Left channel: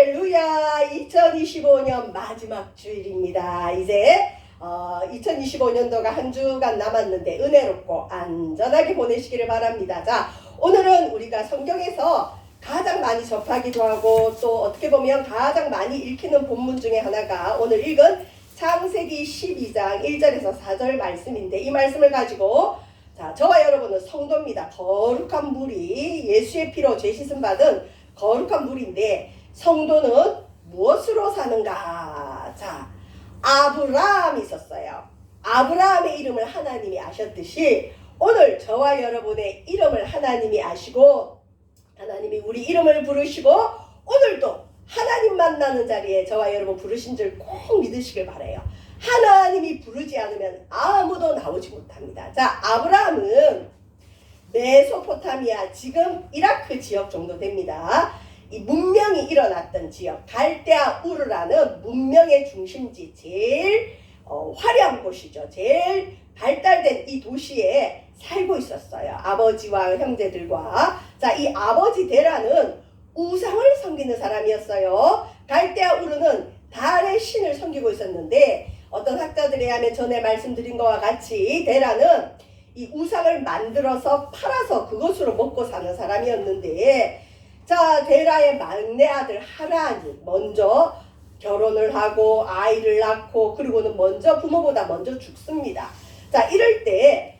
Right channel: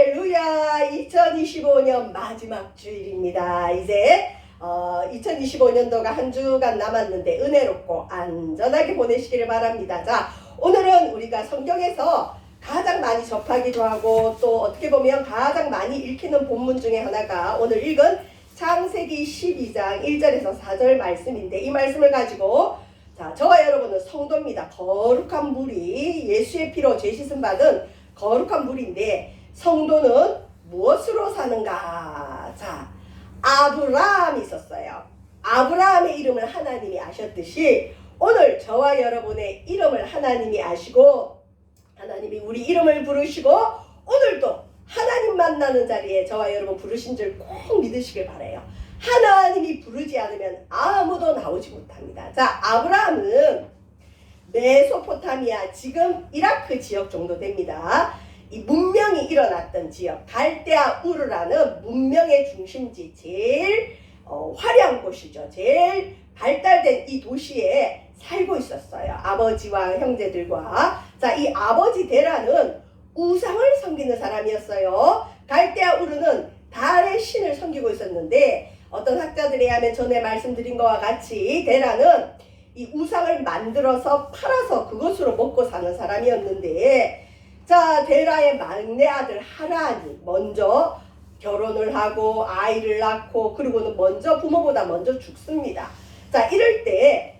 할렐루야. 2025년 마지막 주일입니다. 이제 2025년도가 한 주간 남았는데 은혜롭고 안전하게 보내시기를 바랍니다. 자, 오늘은 우리가 성경에서 가장 많이 접하기도 하고 또 어떻게 보면 가장 많이 읽히는 본문 중에 하나가 오늘 읽은 창세기 12장 1절에서 4절 말씀인데, 이 말씀을 가지고 저와 여러분은 성도입니다. 거룩한 물이 예수의 피로 죄 씻음 받은 거룩한 물인데, 성도는 무엇으로 사는가? 자, 아브라함이 있었어요. 아브라함의 이름을 하나님이 아셨듯이 오늘 저와 여러분의 이름을 하나님이 아시고 하나님이 우리 이름을 부르시고 오늘도 하나님 만나는 자리에 저와 여러분 부르신 줄 꼭 믿으시길 바라요. 하나님이 부르지 않으면 아무도 나오지 못합니다. 자, 아브라함은 메소포타미아, 지금 이라크 지역 정도 됩니다. 이 문명이 일어났던 지역, 갈대아 우르라는 문명의 중심지, 제일 화려한 곳이죠. 제일 발달된 이 도시에 살고 있었어요. 아버지와 형제들과. 자, 이 아버지 데라는 우상을 섬기는 사람이었어요. 갈대아 우르는 달의 신을 섬기고 있었는데, 어떤 학자들에 의하면 전에 말씀드린 것과 같이 데라는 이 우상을 만들어서 팔아서 그것으로 먹고 사는 사람이었는데, 자, 데라의 막내 아들 하란이 먼저 결혼을 하고 아이를 낳고 그리고는 부모보다 먼저 죽습니다. 자, 이럴 때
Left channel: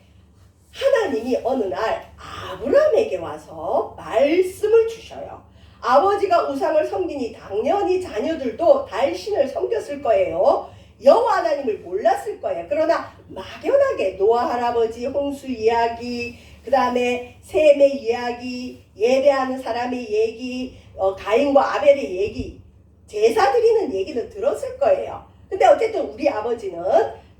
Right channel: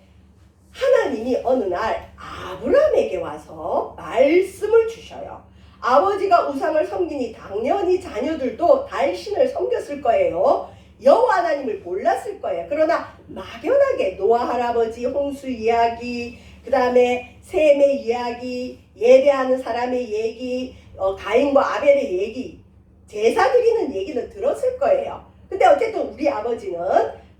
하나님이 어느 날 아브라함에게 와서 말씀을 주셔요. 아버지가 우상을 섬기니 당연히 자녀들도 달신을 섬겼을 거예요. 여호와 하나님을 몰랐을 거예요. 그러나 막연하게 노아 할아버지 홍수 이야기, 그 다음에 셈의 이야기, 예배하는 사람의 얘기, 가인과 아벨의 얘기, 제사 드리는 얘기는 들었을 거예요. 근데 어쨌든 우리 아버지는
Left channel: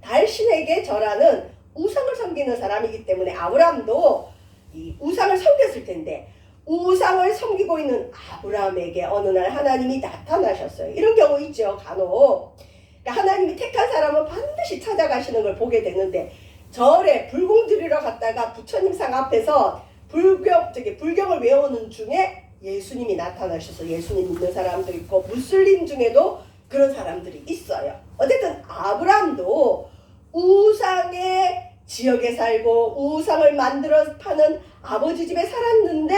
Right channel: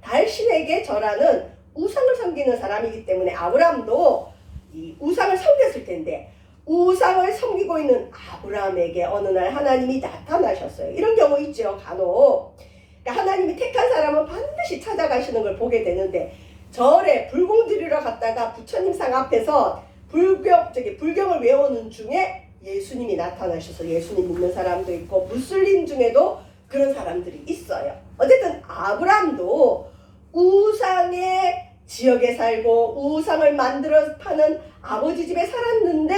달신에게 절하는 우상을 섬기는 사람이기 때문에 아브라함도 이 우상을 섬겼을 텐데, 우상을 섬기고 있는 아브라함에게 어느 날 하나님이 나타나셨어요. 이런 경우 있죠, 간혹. 그러니까 하나님이 택한 사람은 반드시 찾아가시는 걸 보게 되는데, 절에 불공 드리러 갔다가 부처님 상 앞에서 불경을 외우는 중에 예수님이 나타나셔서 예수님 믿는 사람도 있고 무슬림 중에도 그런 사람들이 있어요. 어쨌든 아브라함도 우상의 지역에 살고 우상을 만들어 파는 아버지 집에 살았는데,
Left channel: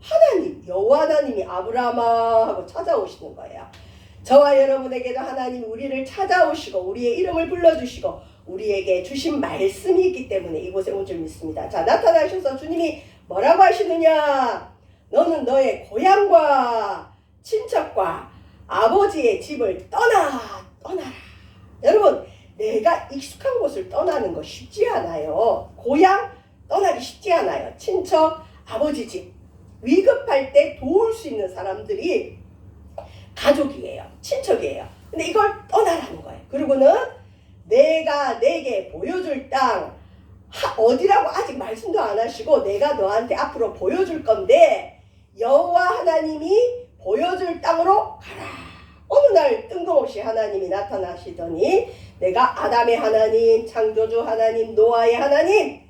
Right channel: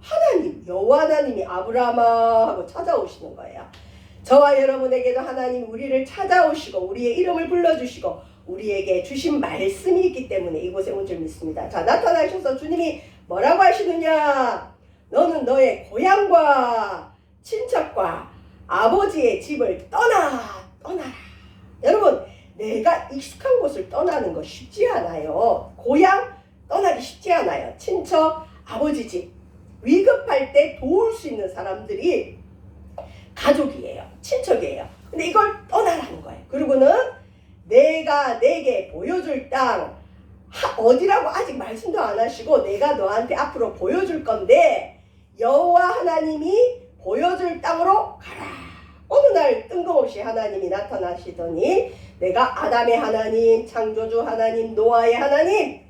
하나님, 여호와 하나님이 아브라함아 하고 찾아오시는 거예요. 저와 여러분에게도 하나님 우리를 찾아오시고 우리의 이름을 불러주시고 우리에게 주신 말씀이 있기 때문에 이곳에 온 줄 믿습니다. 자, 나타나셔서 주님이 뭐라고 하시느냐? 너는 너의 고향과 친척과 아버지의 집을 떠나라. 여러분, 내가 익숙한 곳을 떠나는 거 쉽지 않아요. 고향 떠나기 쉽지 않아요. 친척, 아버지 집, 위급할 때 도울 수 있는 사람들이 가족이에요. 친척이에요. 근데 이걸 떠나라는 거예요. 그리고는 내가 내게 보여줄 땅, 어디라고 아직 말씀도 안 하시고 내가 너한테 앞으로 보여줄 건데 여호와 하나님이 보여줄 땅으로 가라. 어느 날 뜬금없이 하나님이 나타나시더니, 내가 아담의 하나님, 창조주 하나님, 노아의 하나님,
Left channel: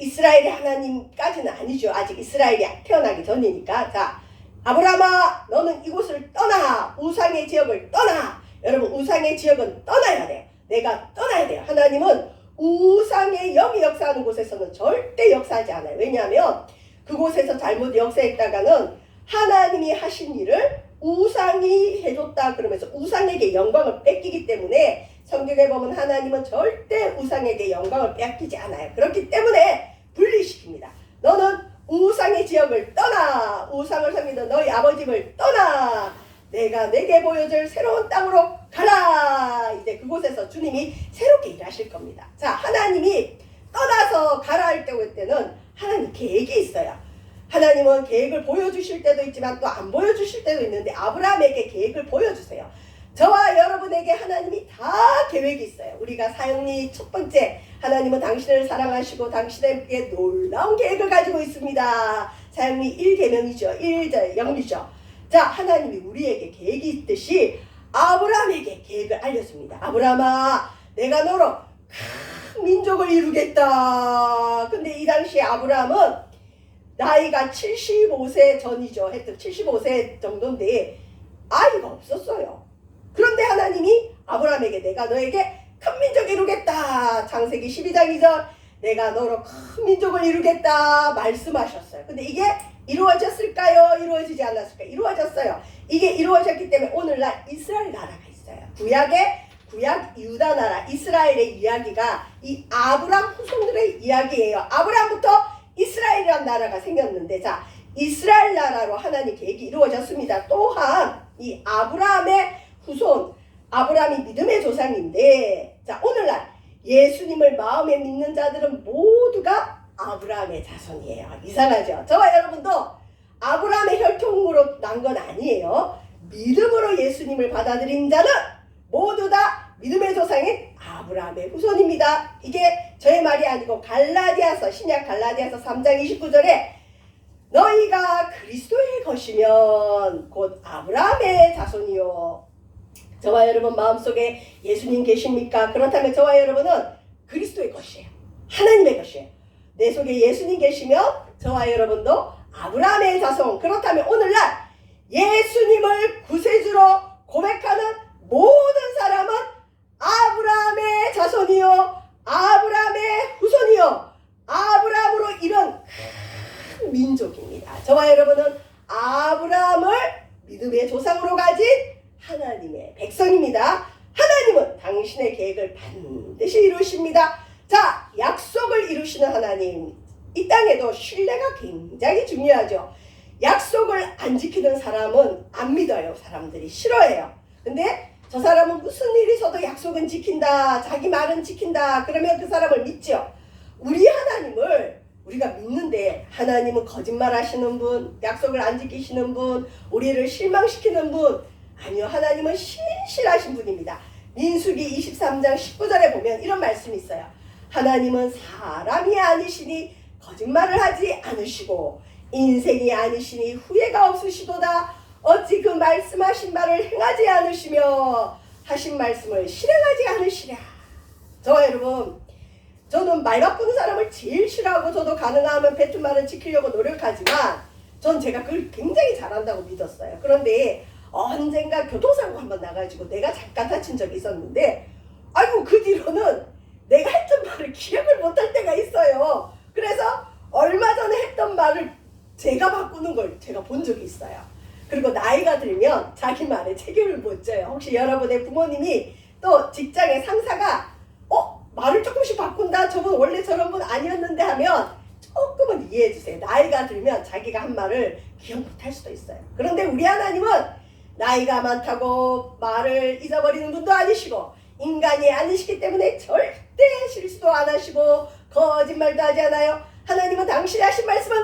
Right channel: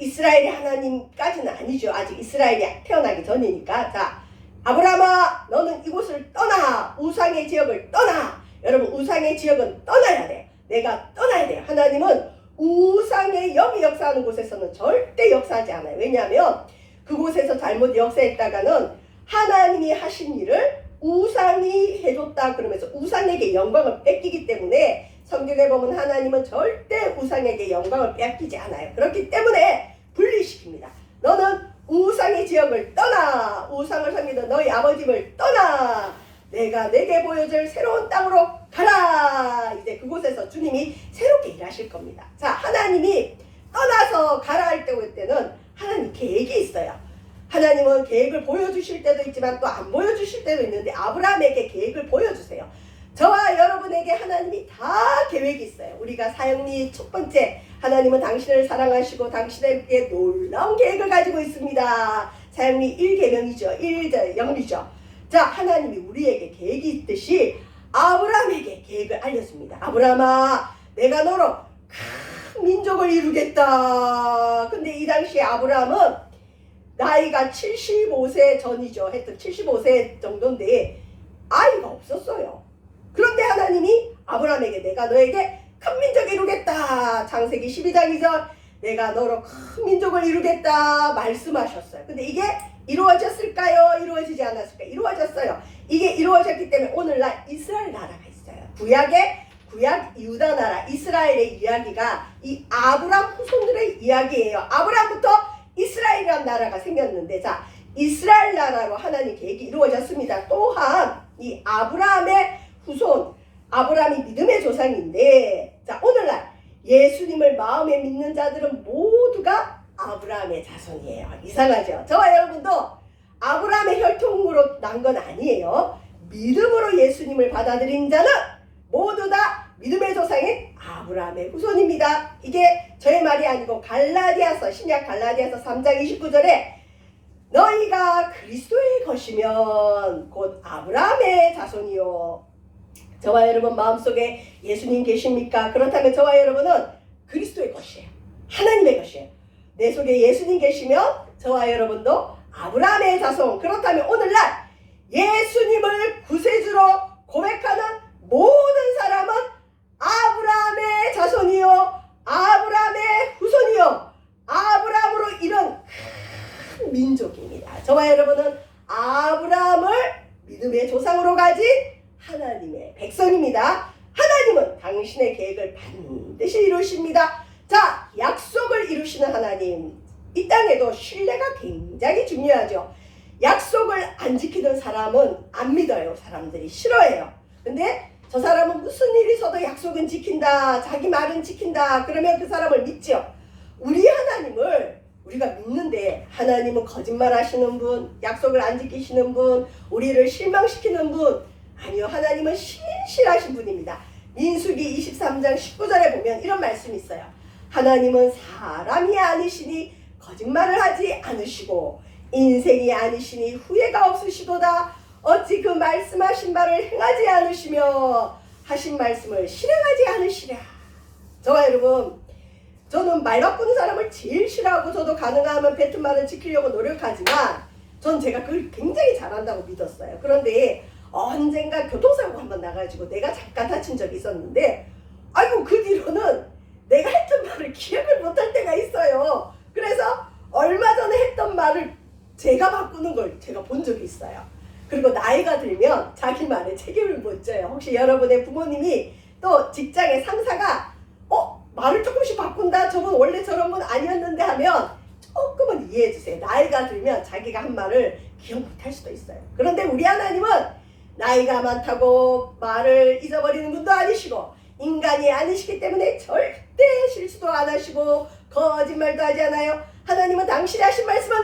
이스라엘의 하나님까지는 아니죠. 아직 이스라엘이 태어나기 전이니까. 자, 아브라함아, 너는 이곳을 떠나. 우상의 지역을 떠나. 여러분, 우상의 지역은 떠나야 돼. 내가 떠나야 돼요. 하나님은 우상의 영이 역사하는 곳에서는 절대 역사하지 않아요. 왜냐하면 그곳에서 잘못 역사했다가는 하나님이 하신 일을 우상이 해줬다 그러면서 우상에게 영광을 뺏기기 때문에, 성경에 보면 하나님은 절대 우상에게 영광을 뺏기지 않아요. 그렇기 때문에 분리시킵니다. 너는 우상의 지역을 떠나. 우상을 섬기던 너희 아버지를 떠나. 내가 내게 보여줄 새로운 땅으로 가라. 이제 그곳에서 주님이 새롭게 일하실 겁니다. 자, 하나님이 떠나서 가라 할 때는 하나님 계획이 있어요. 하나님은 계획을 보여주실 때도 있지만 또 안 보여주실 때도 있는데, 아브라함에게 계획을 보여주세요. 저와 여러분에게 하나님이 다 계획이 있어요. 우리가 사역리 첫 번째, 하나님은 당신을 사랑하시고 당신에게 놀라운 계획을 가지고 있습니다. 사역리 1계명이죠. 1절 영리죠. 자, 하나님이 우리에게 계획이 있듯이 아브라함에게 계획을 알렸습니다. 아브라함아, 내가 너로 큰 민족을 이루겠다. 근데 이 당시에 아브라함은 나이가 75세 전이죠. 하여튼 75세 정도인데 아이 아브라함에게 내가 너에게 큰 민족을 이루겠다. 창세기 12장 2절 내가 너로 큰 민족을 이루겠다 말씀하셨어요. 근데 이게 이루어졌을까요? 이루어지지 않았을까요? 이루어졌어요. 이게 이루어졌기 때문에 오늘날 이스라엘 나라가 있어요. 구약 유다 나라 이스라엘의 이야기가 이 아브람 후손들의 이야기예요. 아브람부터 이스라엘이라는 나라가 생겼는데, 자, 이스라엘 나라로 하나님 계획이 이루어졌습니다. 또한 이 아브라함의 후손, 아브라함이 믿음의 조상인데, 자, 오늘날 예수님을 마음에 믿는 자들은 모두가 아브라함의 자손이에요. 이상하죠? 저와 여러분도 아브라함의 혈통으로 난 건 아니에요. 믿음으로 예수님을 받아들인 자는 모두 다 믿음의 조상인 아브라함의 후손입니다. 이게 저의 말이 아니고 갈라디아서, 신약 갈라디아서 3장 29절에 너희가 그리스도의 것이면 곧 아브라함의 자손이요. 저와 여러분 마음속에 예수님 계십니까? 그렇다면 저와 여러분은 그리스도의 것이에요. 하나님의 것이에요. 내 속에 예수님 계시면 저와 여러분도 아브라함의 자손. 그렇다면 오늘날 예수님을 구세주로 고백하는 모든 사람은 아브라함의 자손이요, 아브라함의 후손이요, 아브라함으로 이런 큰 민족입니다. 저와 여러분은 아브라함을 믿음의 조상으로 가진 하나님의 백성입니다. 하나님은 당신의 계획을 반드시 이루십니다. 자, 약속을 이루시는 하나님, 이 땅에도 신뢰가 굉장히 중요하죠. 약속을 안 지키는 사람은 안 믿어요. 사람들이 싫어해요. 근데 저 사람은 무슨 일이 있어도 약속은 지킨다, 자기 말은 지킨다, 그러면 그 사람을 믿죠. 우리 하나님을 우리가 믿는데 하나님은 거짓말 하시는 분, 약속을 안 지키시는 분, 우리를 실망시키는 분, 아니요, 하나님은 신실하신 분입니다. 민수기 23장 19절에 보면 이런 말씀이 있어요. 하나님은 사람이 아니시니 거짓말을 하지 않으시고 인생이 아니시니 후회가 없으시도다. 어찌 그 말씀하신 바를 행하지 않으시며 하신 말씀을 실행하지 않으시랴. 저와 여러분, 저는 말 바꾸는 사람을 제일 싫어하고 저도 가능하면 뱉은 말을 지키려고 노력하지만 전 제가 그걸 굉장히 잘한다고 믿었어요. 그런데 언젠가 교통사고 한번 나가지고 내가 잠깐 다친 적이 있었는데, 아이고 그 뒤로는 내가 했던 말을 기억을 못할 때가 있어요. 그래서 얼마 전에 했던 말을 제가 바꾸는 걸 제가 본 적이 있어요. 그리고 나이가 들면 자기 말에 책임을 못 져요. 혹시 여러분의 부모님이 또 직장의 상사가 말을 조금씩 바꾼다, 저분 원래 저런 분 아니었는데 하면 조금은 이해해 주세요. 나이가 들면 자기가 한 말을 기억 못할 수도 있어요. 그런데 우리 하나님은 나이가 많다고 말을 잊어버리는 분도 아니시고 인간이 아니시기 때문에 절대 실수도 안 하시고 거짓말도 하지 않아요. 하나님은 당신이 하신 말씀은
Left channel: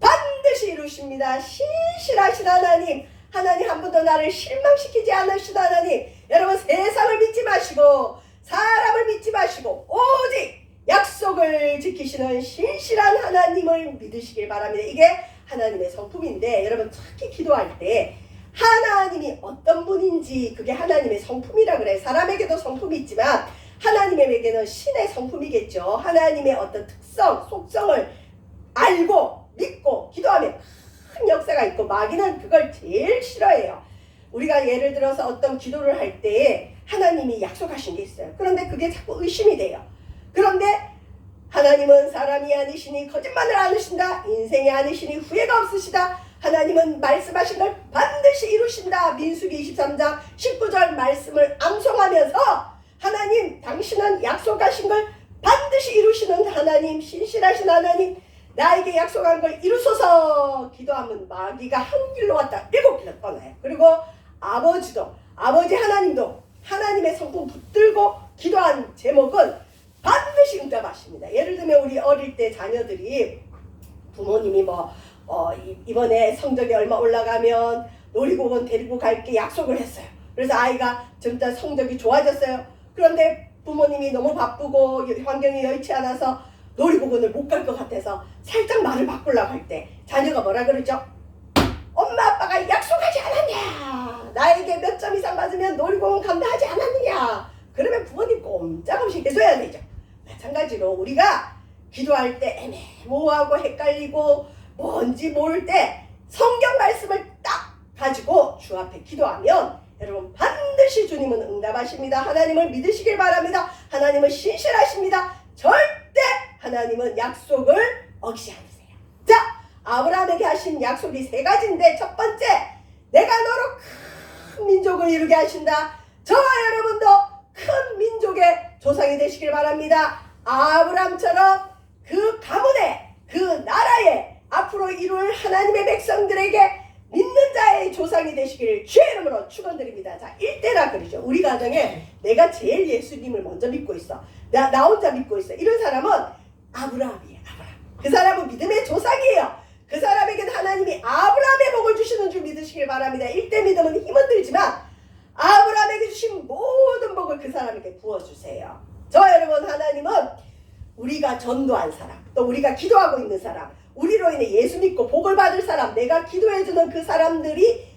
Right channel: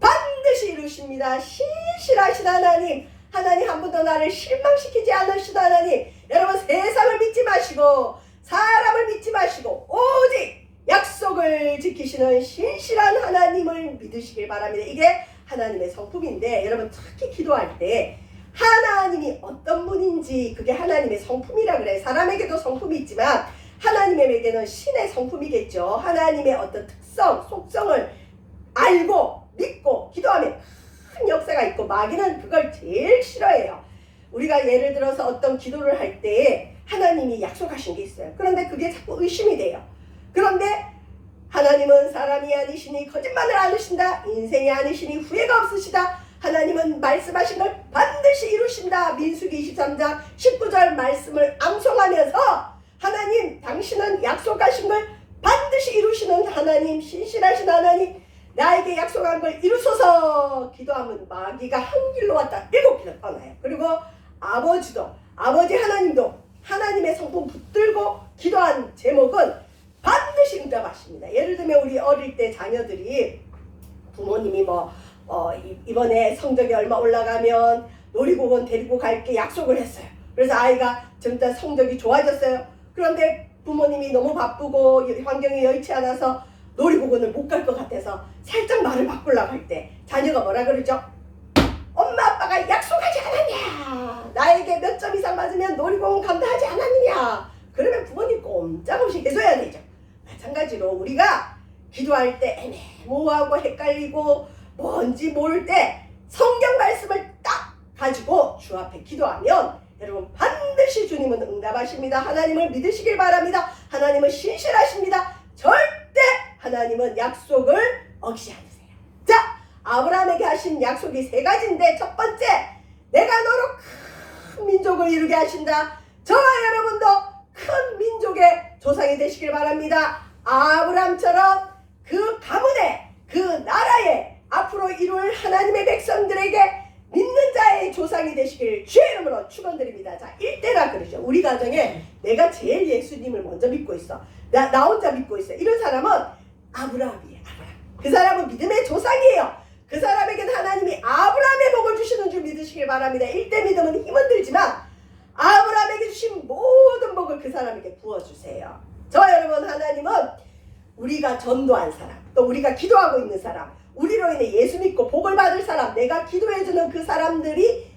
반드시 이루십니다. 신실하신 하나님, 하나님 한 번도 나를 실망시키지 않으시다. 하나님, 여러분 세상을 믿지 마시고 사람을 믿지 마시고 오직 약속을 지키시는 신실한 하나님을 믿으시길 바랍니다. 이게 하나님의 성품인데, 여러분 특히 기도할 때 하나님이 어떤 분인지 그게 하나님의 성품이라 그래요. 사람에게도 성품이 있지만 하나님에게는 신의 성품이겠죠. 하나님의 어떤 특성, 속성을 알고 믿고 기도하면 큰 역사가 있고, 마귀는 그걸 제일 싫어해요. 우리가 예를 들어서 어떤 기도를 할 때 하나님이 약속하신 게 있어요. 그런데 그게 자꾸 의심이 돼요. 그런데 하나님은 사람이 아니시니 거짓말을 안 하신다. 인생이 아니시니 후회가 없으시다. 하나님은 말씀하신 걸 반드시 이루신다. 민수기 23장 19절 말씀을 암송하면서 하나님, 당신은 약속하신 걸 반드시 이루시는 하나님, 신실하신 하나님, 나에게 약속한 걸 이루소서 기도하면 마귀가 한 길로 왔다 7길로 떠나요. 그리고 아버지 하나님도 하나님의 성품 붙들고 기도한 제목은 반드시 응답하십니다. 예를 들면 우리 어릴 때 자녀들이 부모님이 이번에 성적이 얼마 올라가면 놀이공원 데리고 갈게 약속을 했어요. 그래서 아이가 점점 성적이 좋아졌어요. 그런데 부모님이 너무 바쁘고 환경이 여의치 않아서 놀이공원을 못 갈 것 같아서 살짝 말을 바꾸려고 할 때 자녀가 뭐라 그러죠? 엄마 아빠가 약속하지 않았냐? 나에게 몇 점 이상 맞으면 놀이공원 간다 하지 않았느냐? 그러면 부모님 꼼짝없이 해줘야 되죠. 마찬가지로 우리가 기도할 때 애매모호하고 헷갈리고 뭔지 모를 때 성경 말씀을 딱 가지고 주 앞에 기도하면 여러분 반드시 주님은 응답하십니다. 하나님을 믿으시길 바랍니다. 하나님은 신실하십니다. 절대 하나님은 약속을 어기지 않으세요. 자, 아브라함에게 하신 약속이 세 가지인데, 첫 번째, 내가 너로 큰 민족을 이루게 하신다. 저와 여러분도 큰 민족의 조상이 되시길 바랍니다. 아브라함처럼 그 가문에, 그 나라에 앞으로 이룰 하나님의 백성들에게 믿는 자의 조상이 되시길 주의 이름으로 축원드립니다. 자, 1대라 그러죠. 우리 가정에 내가 제일 예수님을 먼저 믿고 있어. 나 혼자 믿고 있어. 이런 사람은 아브라함이에요. 아브라함. 그 사람은 믿음의 조상이에요. 그 사람에게는 하나님이 아브라함의 복을 주시는 줄 믿으시길 바랍니다. 1대 믿음은 힘은 들지만 아브라함에게 주신 모든 복을 그 사람에게 부어주세요. 저 여러분, 하나님은 우리가 전도한 사람, 또 우리가 기도하고 있는 사람, 우리로 인해 예수 믿고 복을 받을 사람, 내가 기도해주는 그 사람들이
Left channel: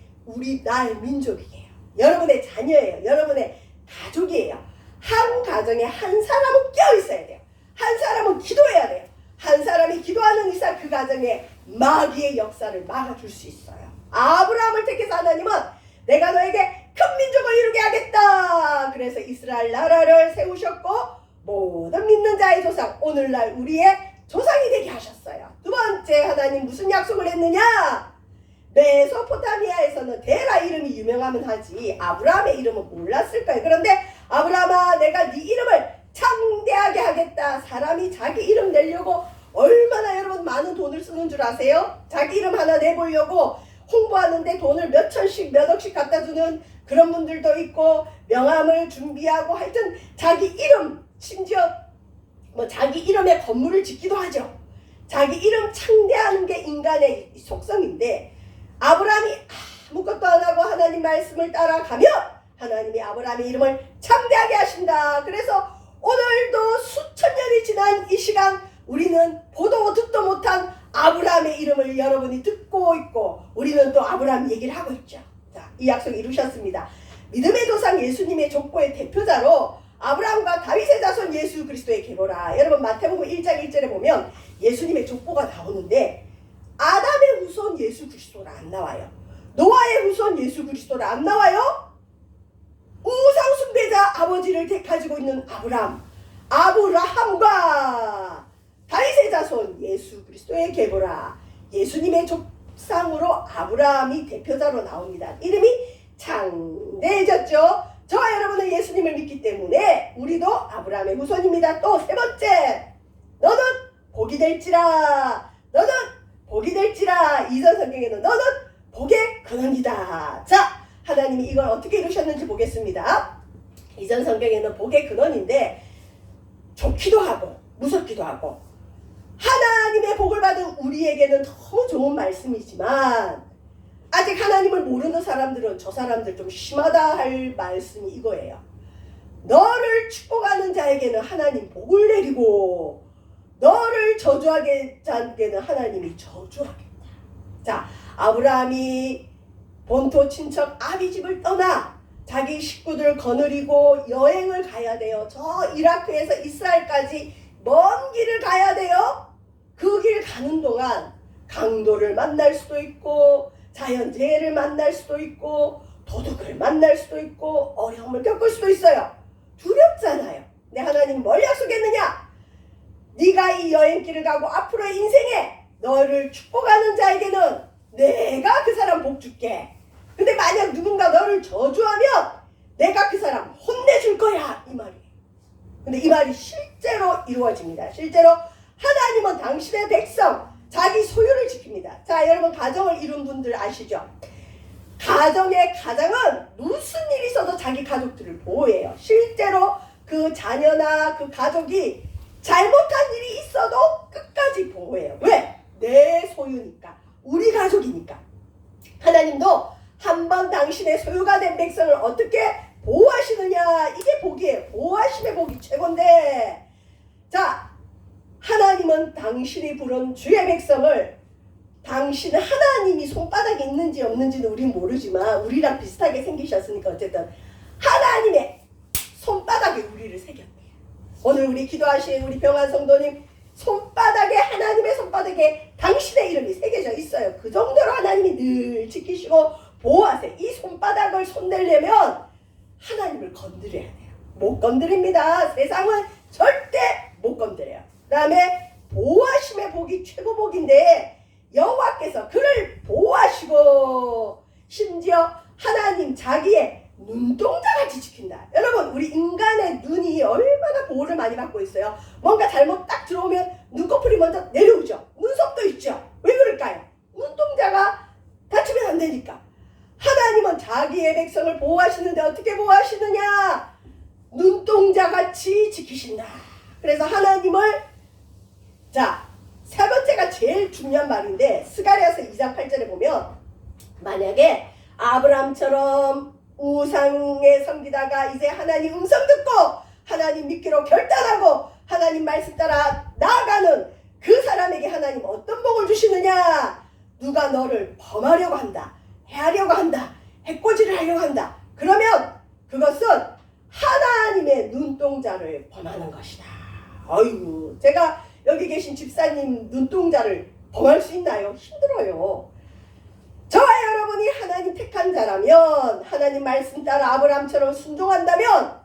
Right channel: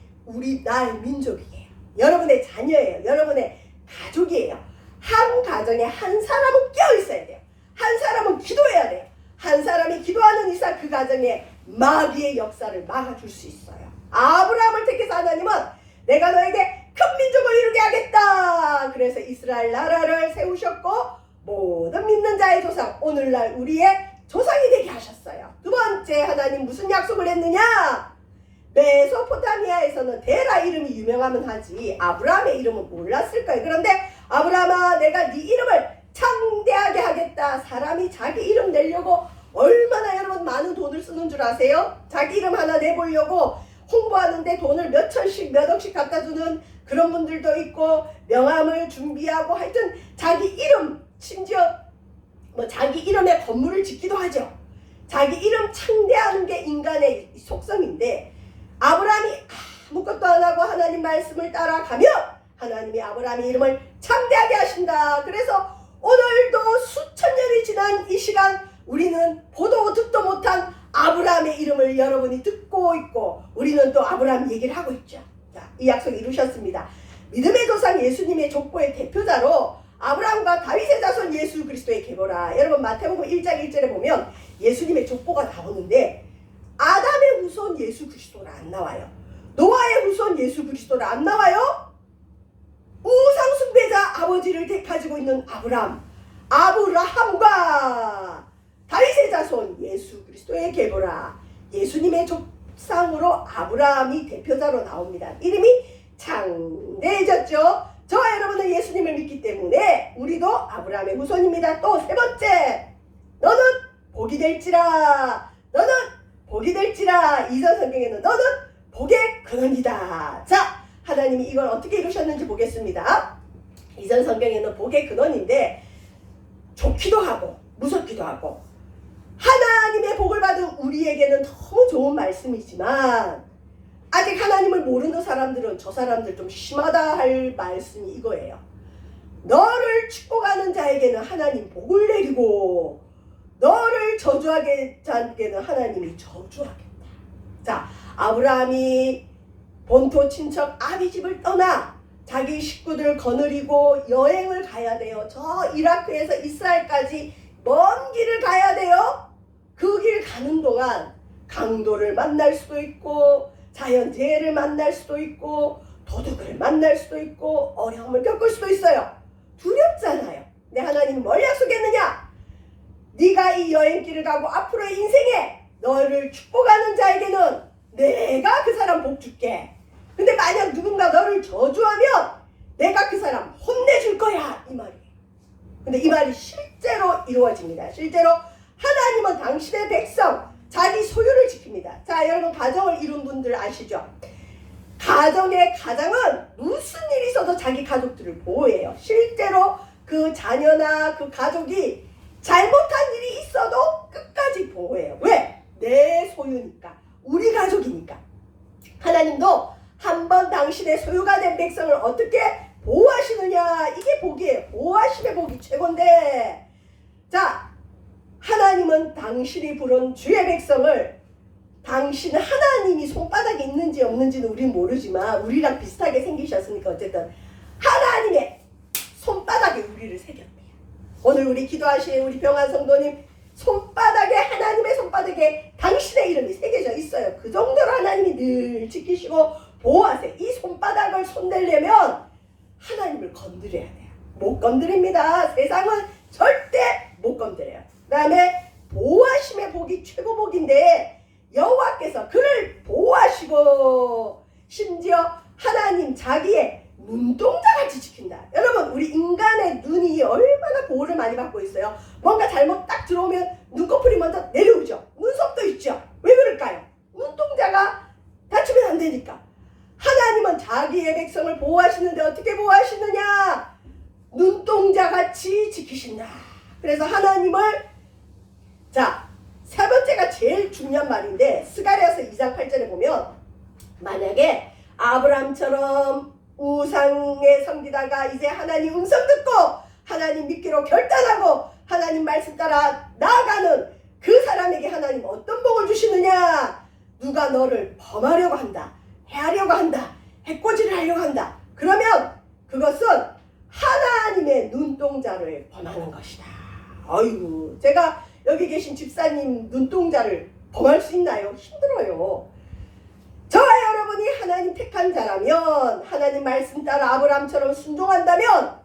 나의 민족이에요. 여러분의 자녀예요. 여러분의 가족이에요. 한 가정에 한 사람은 껴있어야 돼요. 한 사람은 기도해야 돼요. 한 사람이 기도하는 이상 그 가정에 마귀의 역사를 막아줄 수 있어요. 아브라함을 택해서 하나님은 내가 너에게 큰 민족을 이루게 하겠다. 그래서 이스라엘 나라를 세우셨고 모든 믿는 자의 조상, 오늘날 우리의 조상이 되게 하셨어요. 두 번째, 하나님 무슨 약속을 했느냐? 메소포타미아에서는 데라 이름이 유명하면 하지 아브라함의 이름은 몰랐을 거예요. 그런데 아브라함아, 내가 네 이름을 창대하게 하겠다. 사람이 자기 이름 내려고 얼마나 여러분 많은 돈을 쓰는 줄 아세요? 자기 이름 하나 내보려고 홍보하는데 돈을 몇 천씩 몇 억씩 갖다 주는 그런 분들도 있고, 명함을 준비하고, 하여튼 자기 이름, 심지어 뭐 자기 이름에 건물을 짓기도 하죠. 자기 이름 창대하는 게 인간의 속성인데, 아브라함이 아무것도 안 하고 하나님 말씀을 따라가면 하나님이 아브라함의 이름을 창대하게 하신다. 그래서 오늘도 수천 년이 지난 이 시간 우리는 보도 듣도 못한 아브라함의 이름을 여러분이 듣고 있고, 우리는 또 아브라함 얘기를 하고 있죠. 자, 이 약속 이루셨습니다. 믿음의 조상 예수님의 족보의 대표자로 아브라함과 다윗의 자손 예수 그리스도의 계보라. 여러분 마태복음 1장 1절에 보면 예수님의 족보가 나오는데, 아담의 후손 예수 그리스도라 안 나와요. 노아의 후손 예수 그리스도라 안 나와요. 우상 숭배자 아버지를 가지고 있는 아브라함과 다윗의 자손 예수 그리스도의 계보라. 예수님의 족상으로 아브라함이 대표자로 나옵니다. 이름이 창대해졌죠. 저와 여러분은 예수님을 믿기 때문에 우리도 아브라함의 후손입니다. 또 세 번째, 너는 복이 될지라. 너는 복이 될지라. 이전 성경에는 너는 복의 근원이다. 자, 하나님이 이걸 어떻게 이루셨는지 보겠습니다. 이전 성경에는 복의 근원인데 좋기도 하고 무섭기도 하고, 하나님의 복을 받은 우리에게는 너무 좋은 말씀이지만 아직 하나님을 모르는 사람들은 저 사람들 좀 심하다 할 말씀이 이거예요. 너를 축복하는 자에게는 하나님 복을 내리고 너를 저주하게 자에게는 하나님이 저주하겠다. 자, 아브라함이 본토 친척 아비집을 떠나 자기 식구들 거느리고 여행을 가야 돼요. 저 이라크에서 이스라엘까지 먼 길을 가야 돼요. 그 길 가는 동안 강도를 만날 수도 있고, 자연재해를 만날 수도 있고, 도둑을 만날 수도 있고, 어려움을 겪을 수도 있어요. 두렵잖아요. 근데 하나님 뭘 약속했느냐? 네가 이 여행길을 가고 앞으로의 인생에 너를 축복하는 자에게는 내가 그 사람 복 줄게. 근데 만약 누군가 너를 저주하면 내가 그 사람 혼내줄 거야, 이 말이에요. 근데 이 말이 실제로 이루어집니다. 실제로 하나님은 당신의 백성, 자기 소유를 지킵니다. 자, 여러분 가정을 이룬 분들 아시죠? 가정의 가장은 무슨 일이 있어도 자기 가족들을 보호해요. 실제로 그 자녀나 그 가족이 잘못한 일이 있어도 끝까지 보호해요. 왜? 내 소유니까. 우리 가족이니까. 하나님도 한번 당신의 소유가 된 백성을 어떻게 보호하시느냐, 이게 복이에요. 보호하심의 복이 최고인데, 자, 하나님은 당신이 부른 주의 백성을, 당신 하나님이 손바닥에 있는지 없는지는 우린 모르지만 우리랑 비슷하게 생기셨으니까 어쨌든 하나님의 손바닥에 우리를 새겼대요. 오늘 우리 기도하신 우리 병환 성도님 손바닥에, 하나님의 손바닥에 당신의 이름이 새겨져 있어요. 그 정도로 하나님이 늘 지키시고 보호하세요. 이 손바닥을 손대려면 하나님을 건드려야 돼요. 못 건드립니다. 세상은 절대 못 건드려요. 그 다음에 보호하심의 복이 최고 복인데 여호와께서 그를 보호하시고 심지어 하나님 자기의 눈동자같이 지킨다. 여러분 우리 인간의 눈이 얼마나 보호를 많이 받고 있어요. 뭔가 잘못 딱 들어오면 눈꺼풀이 먼저 내려오죠. 눈썹도 있죠. 왜 그럴까요? 눈동자가 다치면 안 되니까. 하나님은 자기의 백성을 보호하시는데 어떻게 보호하시느냐? 눈동자같이 지키신다. 그래서 하나님을 세 번째가 제일 중요한 말인데 스가랴서 2장 8절에 보면 만약에 아브라함처럼 우상에 섬기다가 이제 하나님 음성 듣고 하나님 믿기로 결단하고 하나님 말씀 따라 나아가는 그 사람에게 하나님 어떤 복을 주시느냐? 누가 너를 범하려고 한다, 해하려고 한다, 해코지를 하려고 한다. 그러면 그것은 하나님의 눈동자를 범하는 것이다. 아이고, 제가 여기 계신 집사님 눈동자를 범할 수 있나요? 힘들어요. 저와 여러분이 하나님 택한 자라면 하나님 말씀 따라 아브라함처럼 순종한다면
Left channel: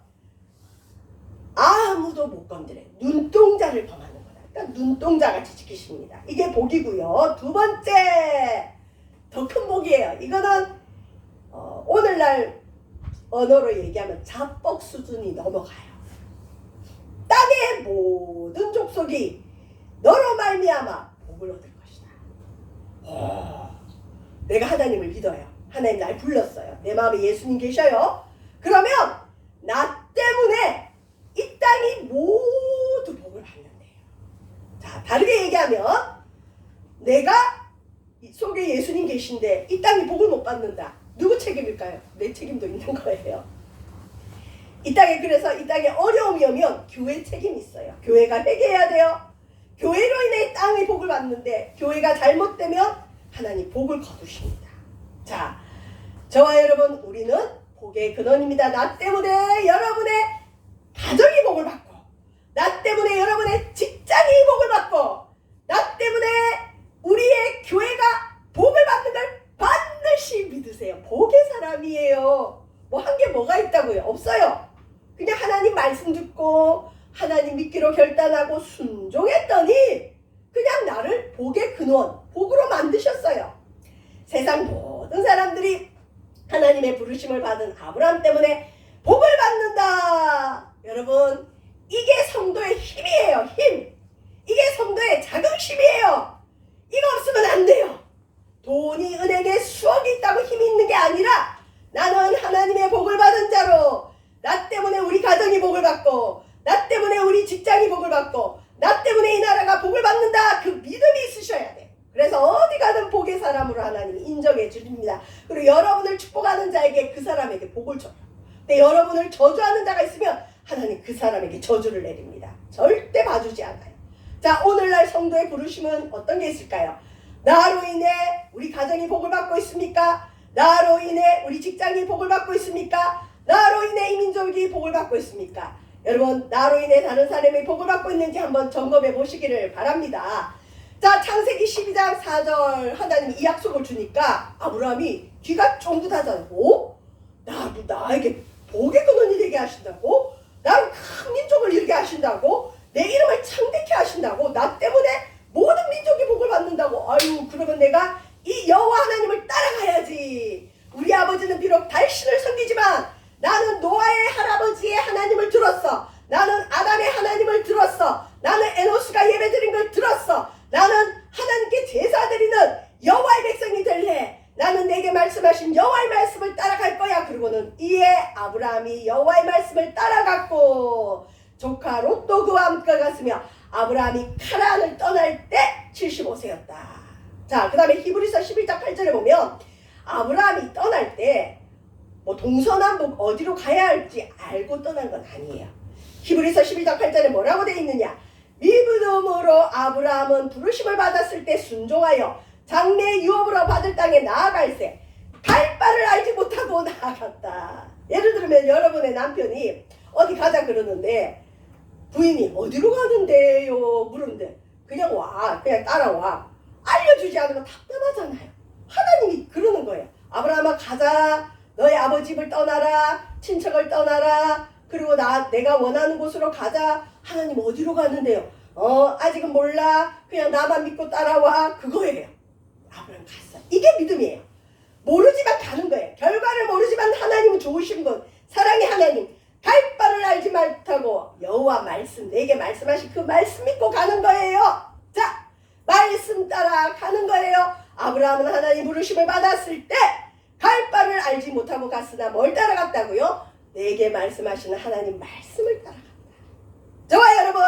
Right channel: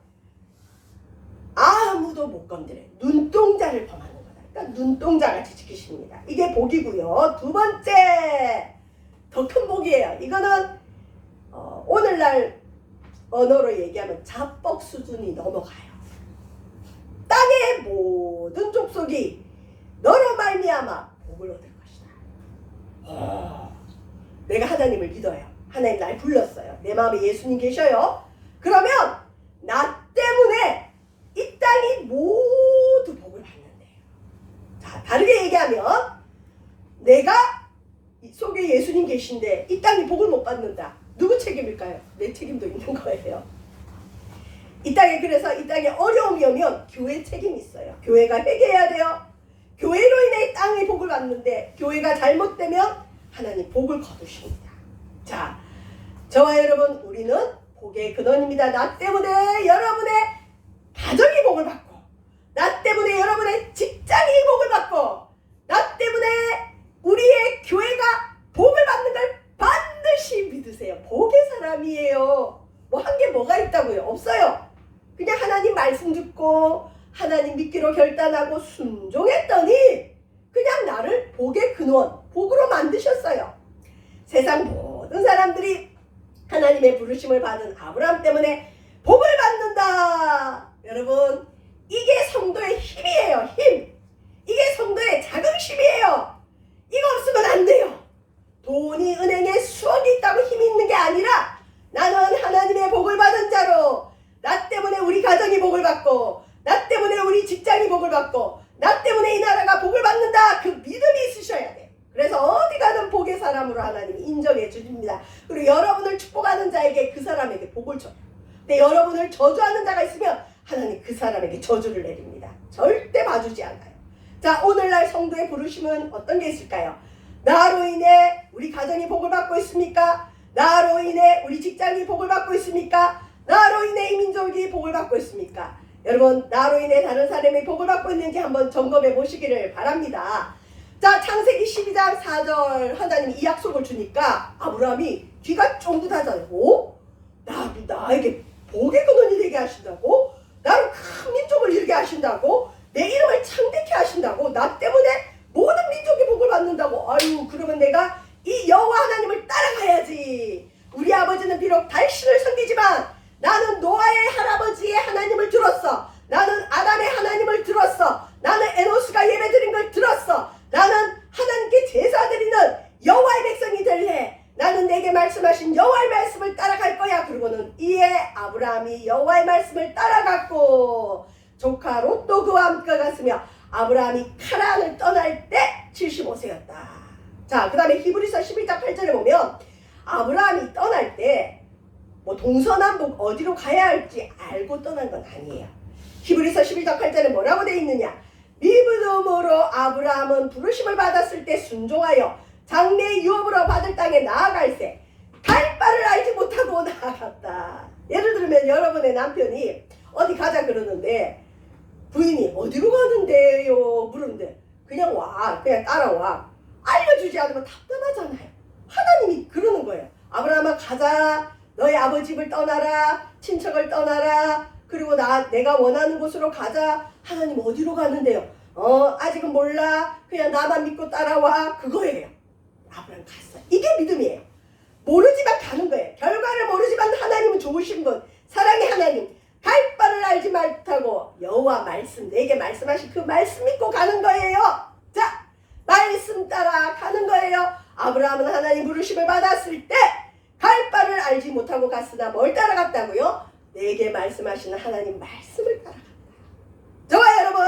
아무도 못 건드려. 눈동자를 범하는 거다. 그러니까 눈동자같이 지키십니다. 이게 복이고요. 두 번째 더 큰 복이에요. 이거는 오늘날 언어로 얘기하면 자뻑 수준이 넘어가요. 땅의 모든 족속이 너로 말미암아 복을 얻을 것이다. 내가 하나님을 믿어요. 하나님 날 불렀어요. 내 마음에 예수님 계셔요. 그러면 나 때문에 이 땅이 모두 복을 받는데요. 자, 다르게 얘기하면 내가 속에 예수님 계신데 이 땅이 복을 못 받는다. 누구 책임일까요? 내 책임도 있는 거예요. 이 땅에 그래서 이 땅에 어려움이 오면 교회 책임이 있어요. 교회가 회개해야 돼요. 교회로 인해 땅이 복을 받는데 교회가 잘못되면 하나님 복을 거두십니다. 자, 저와 여러분 우리는 복의 근원입니다. 나 때문에 여러분의 가정이 복을 받고 나 때문에 여러분의 직장이 복을 받고 나 때문에 우리의 교회가 복을 받는 걸 반드시 믿으세요. 복의 사람이에요. 뭐 한 게 뭐가 있다고요? 없어요. 그냥 하나님 말씀 듣고 하나님 믿기로 결단하고 순종했더니 그냥 나를 복의 근원, 복으로 만드셨어요. 세상 모든 사람들이 하나님의 부르심을 받은 아브라함 때문에 복을 받는다. 여러분, 이게 성도의 힘이에요. 힘. 이게 성도의 자긍심이에요. 이거 없으면 안 돼요. 돈이 은행에 수억이 있다고 힘이 있는 게 아니라 나는 하나님의 복을 받은 자로 나 때문에 우리 가정이 복을 받고 나 때문에 우리 직장이 복을 받고 나 때문에 이 나라가 복을 받는다. 그 믿음이 있으셔야 돼요. 그래서 어디 가든 복의 사람으로 하나님이 인정해 주십니다. 그리고 여러분을 축복하는 자에게 그 사람에게 복을 줘요. 근데 여러분을 저주하는 자가 있으면 하나님 그 사람에게 저주를 내립니다. 절대 봐주지 않아요. 자, 오늘날 성도의 부르심은 어떤 게 있을까요? 나로 인해 우리 가정이 복을 받고 있습니까? 나로 인해 우리 직장이 복을 받고 있습니까? 나로 인해 이 민족이 복을 받고 있습니까? 여러분, 나로 인해 다른 사람이 복을 받고 있는지 한번 점검해 보시기를 바랍니다. 자, 창세기 12장 4절 하나님이 이 약속을 주니까 아브라함이 귀가 쫑긋하잖아요. 나에게 복의 근원이 되게 하신다고? 나를 큰 민족을 이루게 하신다고? 내 이름을 창대케 하신다고? 나 때문에 모든 민족이 복을 받는다고? 아유, 그러면 내가 이 여호와 하나님을 따라가야지. 우리 아버지는 비록 달신을 섬기지만 나는 노아의 할아버지의 하나님을 들었어. 나는 아담의 하나님을 들었어. 나는 에노스가 예배드린 걸 들었어. 나는 하나님께 제사드리는 여호와의 백성이 될래. 나는 내게 말씀하신 여호와의 말씀을 따라갈 거야. 그리고는 이에 아브라함이 여호와의 말씀을 따라갔고 조카 롯도 그와 함께 갔으며 아브라함이 카라안을 떠날 때 75세였다. 자, 그 다음에 히브리서 11장 8절에 보면 아브라함이 떠날 때 뭐 동서남북 어디로 가야 할지 알고 떠난 건 아니에요. 히브리서 11장 8절에 뭐라고 되어 있느냐? 믿음으로 아브라함은 부르심을 받았을 때 순종하여 장래 유업으로 받을 땅에 나아갈새 갈 바를 알지 못하고 나아갔다. 예를 들면 여러분의 남편이 어디 가자 그러는데 부인이 어디로 가는데요? 물었는데 그냥 따라와. 알려주지 않으면 답답하잖아요. 하나님이 그러는 거예요. 아브라함아 가자. 너의 아버지 집을 떠나라. 친척을 떠나라. 그리고 내가 원하는 곳으로 가자. 하나님 어디로 가는데요? 아직은 몰라. 그냥 나만 믿고 따라와. 그거예요. 아브라함 갔어. 이게 믿음이에요. 모르지만 가는 거예요. 결과를 모르지만 하나님은 좋으신 분. 사랑의 하나님. 갈 바를 알지 못하고 여호와 말씀 내게 말씀하신 그 말씀 믿고 가는 거예요. 자, 말씀 따라 가는 거예요. 아브라함은 하나님 부르심을 받았을 때 갈 바를 알지 못하고 갔으나 뭘 따라갔다고요? 내게 말씀하시는 하나님 말씀을 따라간다. 저와 여러분,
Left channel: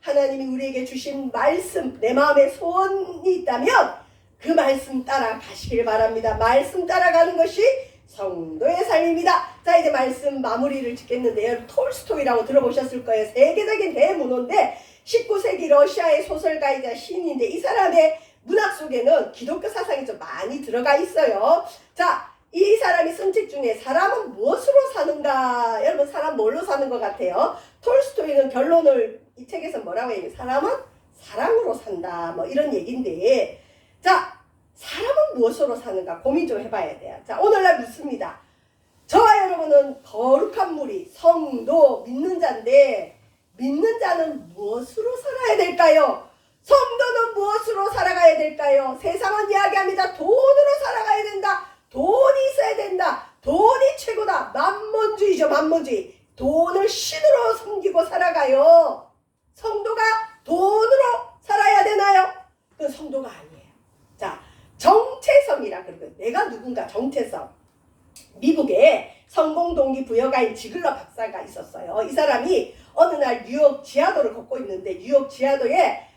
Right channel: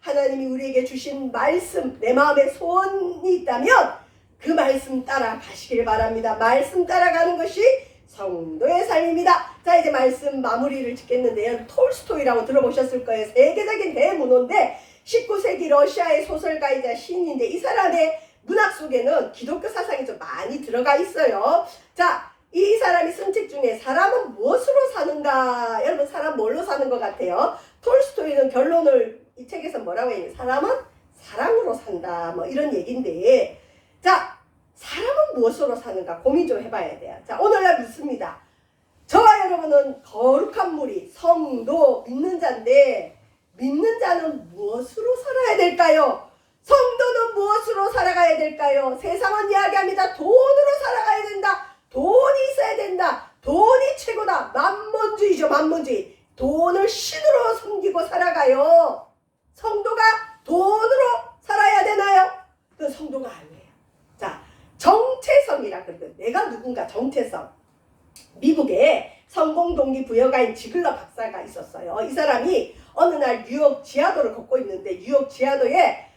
하나님이 우리에게 주신 말씀, 내 마음에 소원이 있다면 그 말씀 따라 가시길 바랍니다. 말씀 따라가는 것이 성도의 삶입니다. 자, 이제 말씀 마무리를 짓겠는데요. 톨스토이라고 들어보셨을 거예요. 세계적인 대문호인데 19세기 러시아의 소설가이자 시인인데 이 사람의 문학 속에는 기독교 사상이 좀 많이 들어가 있어요. 자, 이 사람이 쓴 책 중에 사람은 무엇으로 사는가? 여러분, 사람 뭘로 사는 것 같아요? 톨스토이는 결론을 이 책에서 뭐라고 해요? 사람은 사랑으로 산다. 뭐 이런 얘기인데, 자, 사람은 무엇으로 사는가 고민 좀 해봐야 돼요. 자, 오늘날 묻습니다. 저와 여러분은 거룩한 무리, 성도, 믿는 자인데 믿는 자는 무엇으로 살아야 될까요? 성도는 무엇으로 살아가야 될까요? 세상은 이야기합니다. 돈으로 살아가야 된다. 돈이 있어야 된다. 돈이 최고다. 만몬주의죠. 만몬주의. 돈을 신으로 섬기고 살아가요. 성도가 돈으로 살아야 되나요? 그건 성도가 아니에요. 자, 정체성이라 그러거든요. 내가 누군가 정체성. 미국에 성공 동기 부여가인 지글러 박사가 있었어요. 이 사람이 어느 날 뉴욕 지하도를 걷고 있는데 뉴욕 지하도에